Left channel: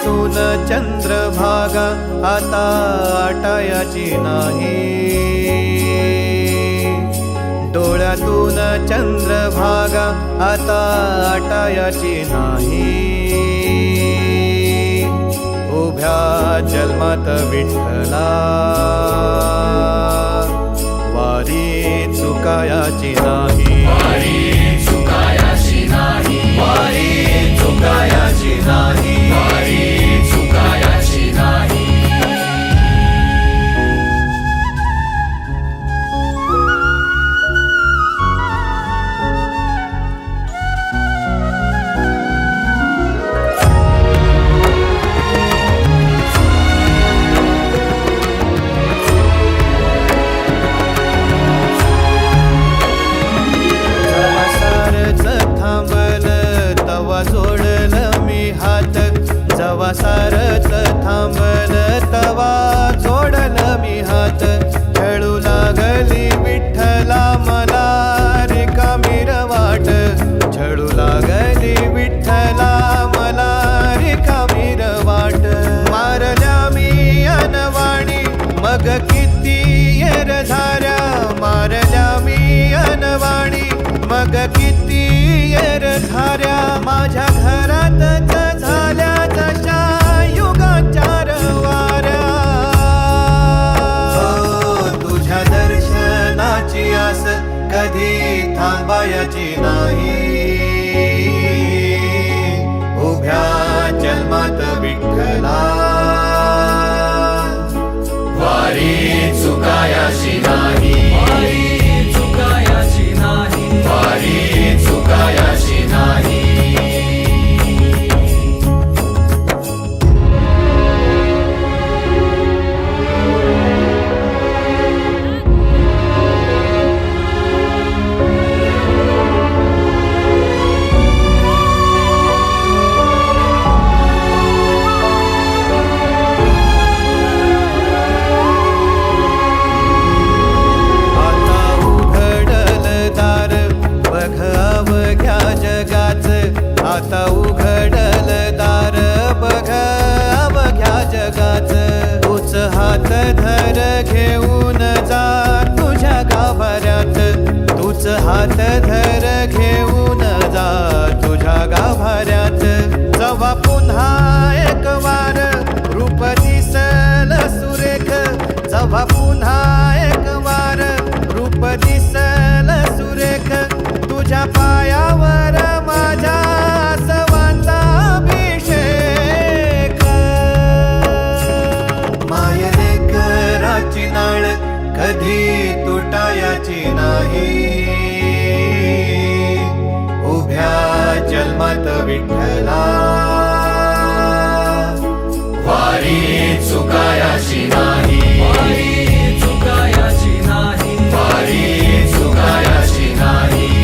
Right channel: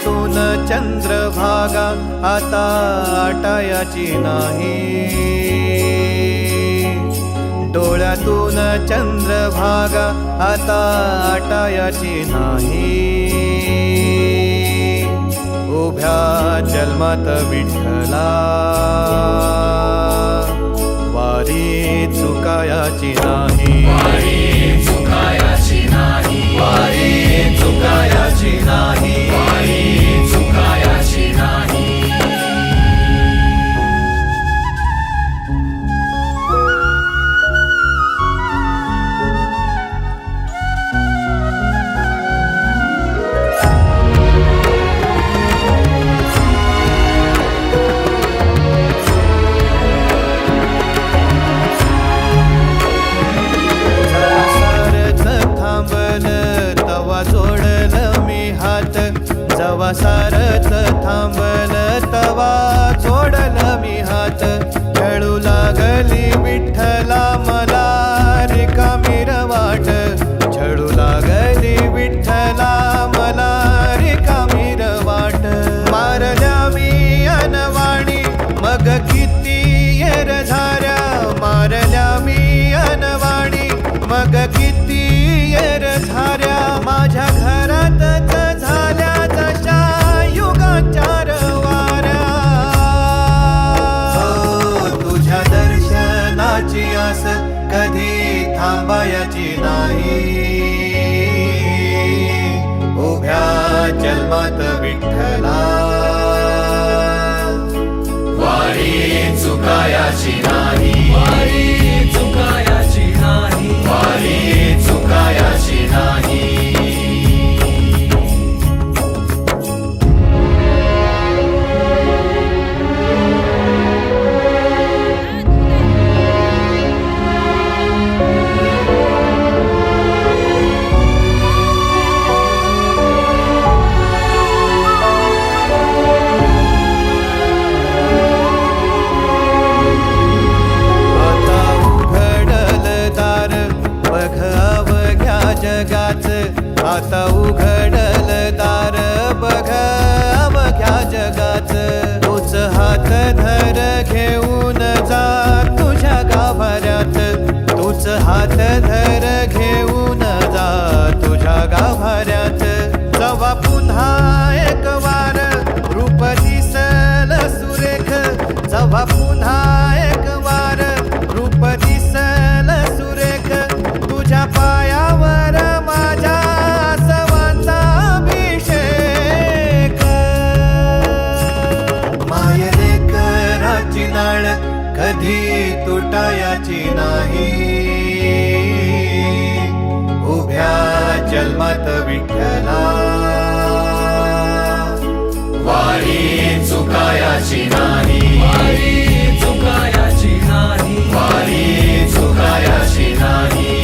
डोळ्यातून चंद्रभागा आता आटायाची नाही, डोळ्यातून चंद्रभागा आता आटायाची नाही। उभ्या जन्मात विठ्ठला वारी चुकायाची नाही, वारी चुकायाची नाही। थांबल तवा जोडल मी हात, जवा सारच थांबल तवा जोडल मी हात। खेळू लागली विठ्ठला मला रिकामी वाट, छळू लागली विठ्ठला मला रिकामी वाट। मारल्या मी अनवाणी मग किती येर झाऱ्या, मारल्या मी अनवाणी मग किती येर झाऱ्या। माझ्या घरातच झाल्या जशा युगांच्या वाऱ्या। तुझ्या दर्शनाची आस कधी थांबायची नाही, उभ्या जन्मात विठ्ठला वारी चुकायाची नाही, वारी चुकायाची नाही। बघ अवघ्या जगाच, आता उघडल दार बघ अवघ्या जगाच। तूच हात धर घेऊन जा तुझ्या गाभाऱ्यात, तूच हात धर घेऊन जा तुझ्या गाभाऱ्यात। जवा पुन्हा एक वार रूप दिसल सुरेख, जवा पुन्हा एक वार रूप दिसल सुरेख। तुझ्या पायावर माझ्या आसवांचा अभिषेक। मायलेकराची नाळ कधी तुटायाची नाही, उभ्या जन्मात विठ्ठला वारी चुकायाची नाही, वारी चुकायाची नाही।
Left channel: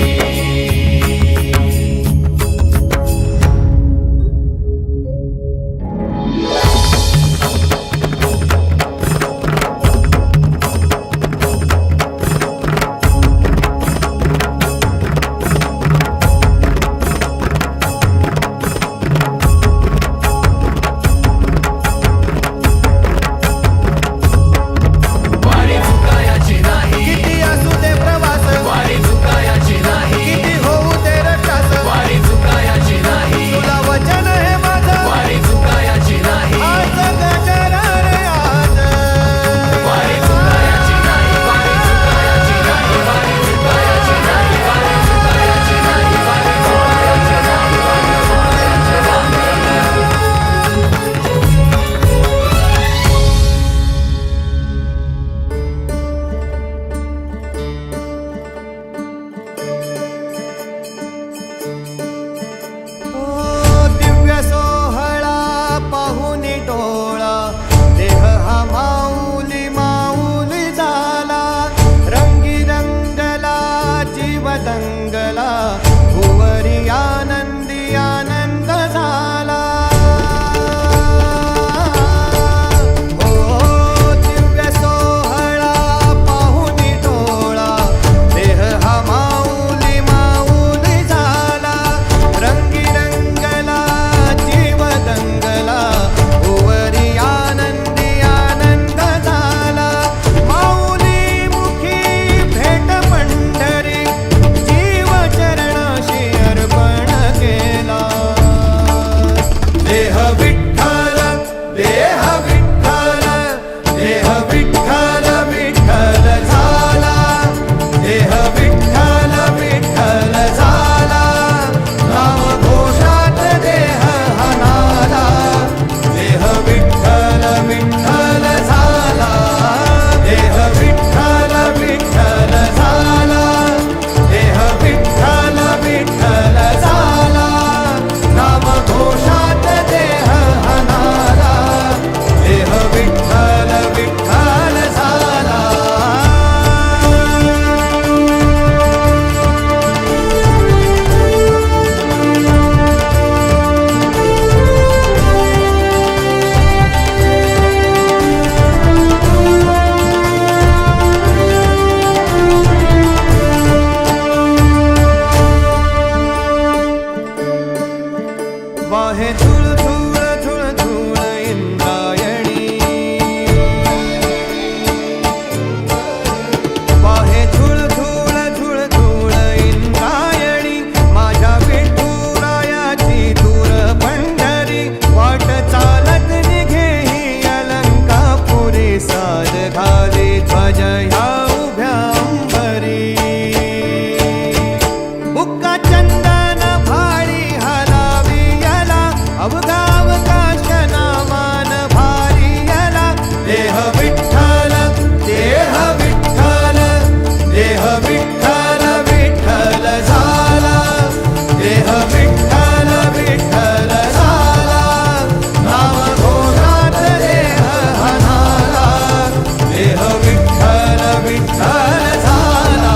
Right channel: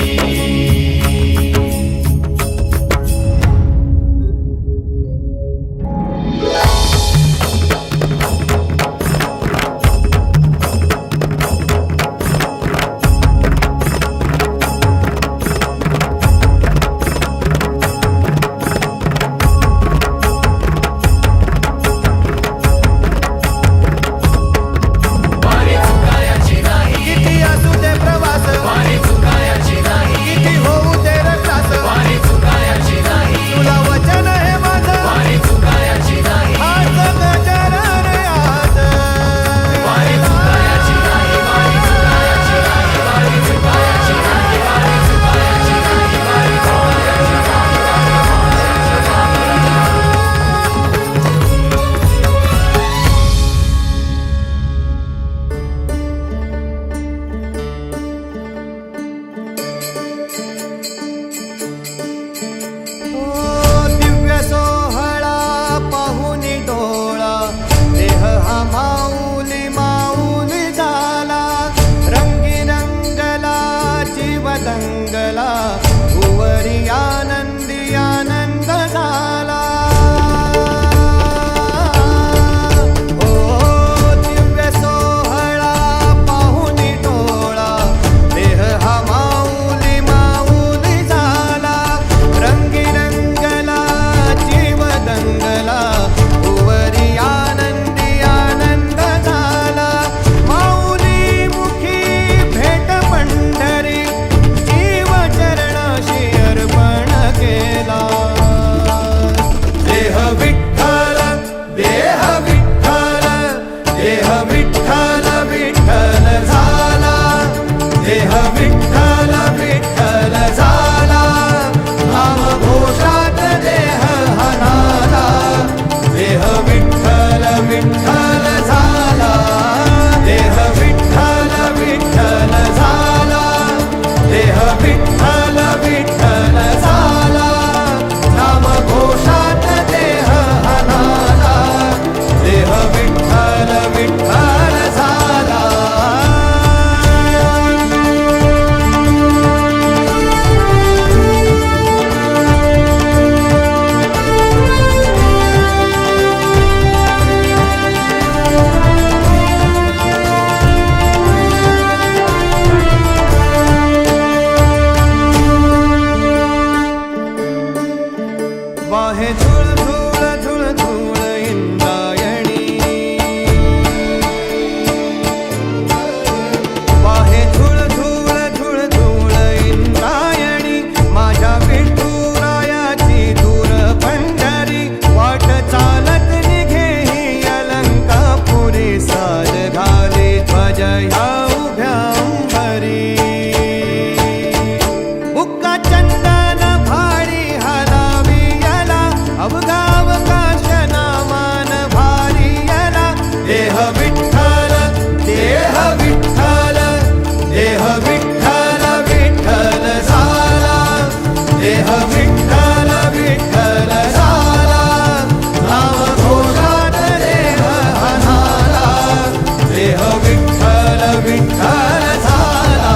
किती असू दे प्रवास, वाहे झुळ झुळ झुळ झुळ इंद्रायणी वाहे झुळ झुळ झुळ झुळ इंद्रायणी माझ्या विठुरायाची दूर पंढरी वाट चालत निघे ही अलंकापुरी साज घाले ध्वज ह्या उभ्या अंबरी बुक्का चंदन भारी हलावी याला अवघावकाश नामान भारी याला देह विठ्ठल देह विठ्ठल देह विठ्ठल विठ्ठल झाला देह विठ्ठल विठ्ठल झाला नाम घोषात देह हनाला देह विठ्ठल विठ्ठल झाला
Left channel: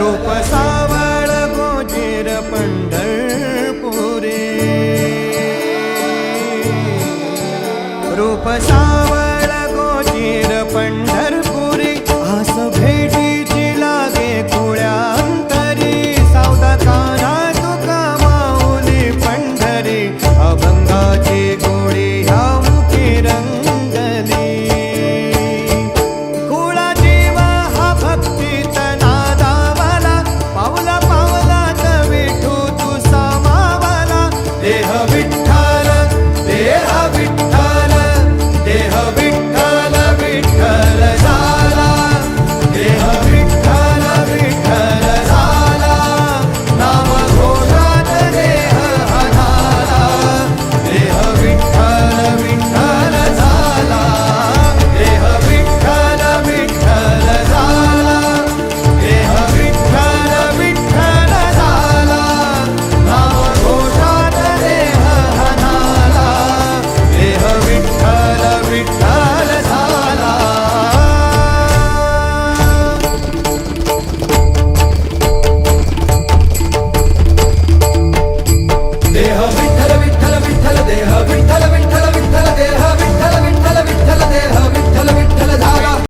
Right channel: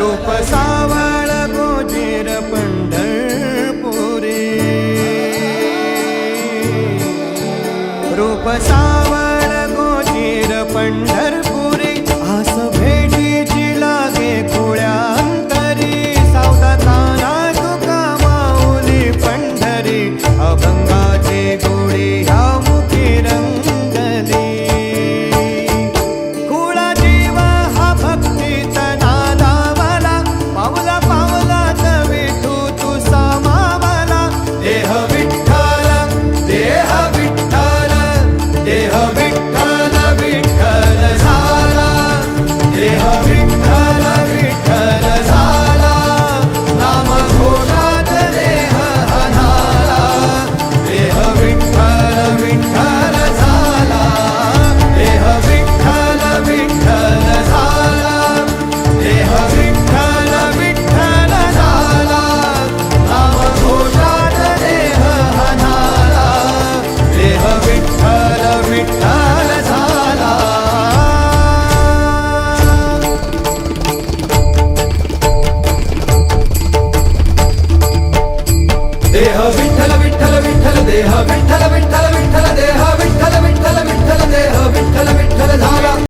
रूप सावळ गोजीर पंढरपुरी रूप सावळ गोजीर पंढरपुरी